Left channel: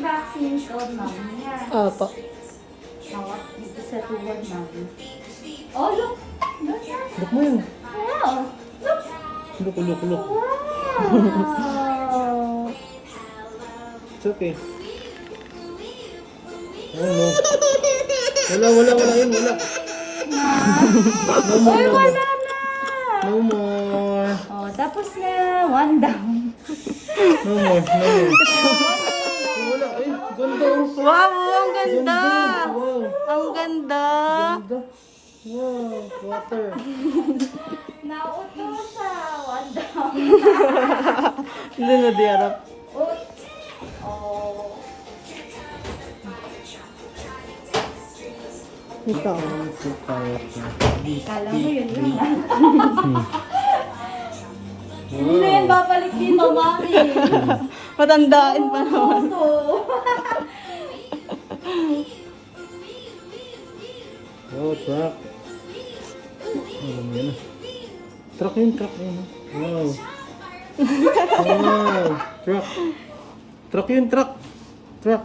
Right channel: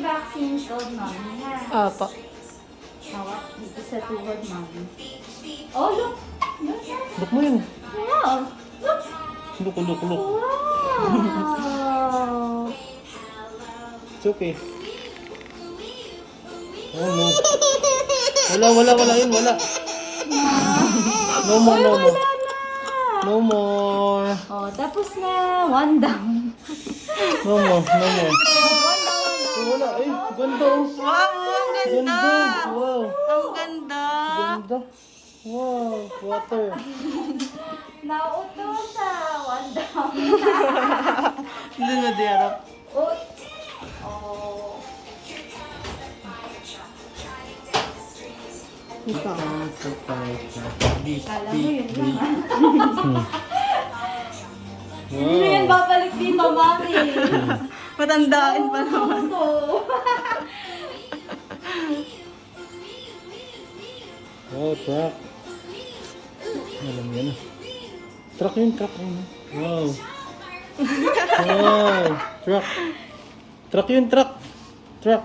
vaccine shot, mami na. Apa. Hawak dito sa tuhod, mami. Oh, look! Look yan. Look mo yun. Wow! Look! Look, look, look. Wow! It's okay. Oh no. Wala yun, wala. No more, no more. No more. Oh, tapos na. One down. No more, no more. Wala, ay, ganda. Wow, ang ganda. Ganda, wow. Ang ganda. Ganda. Wow, water. Nauto siya. One down. Hindi na diarap. Oh. Oh. Ito. Kala mo yun lang. Wow. Hindi yan babalik ni mamami. Matandaan pa naman. Oo. Oh, truck. Alam yan na. Truck yun. Wow. Wow. Truck. Truck yun, truck. Truck.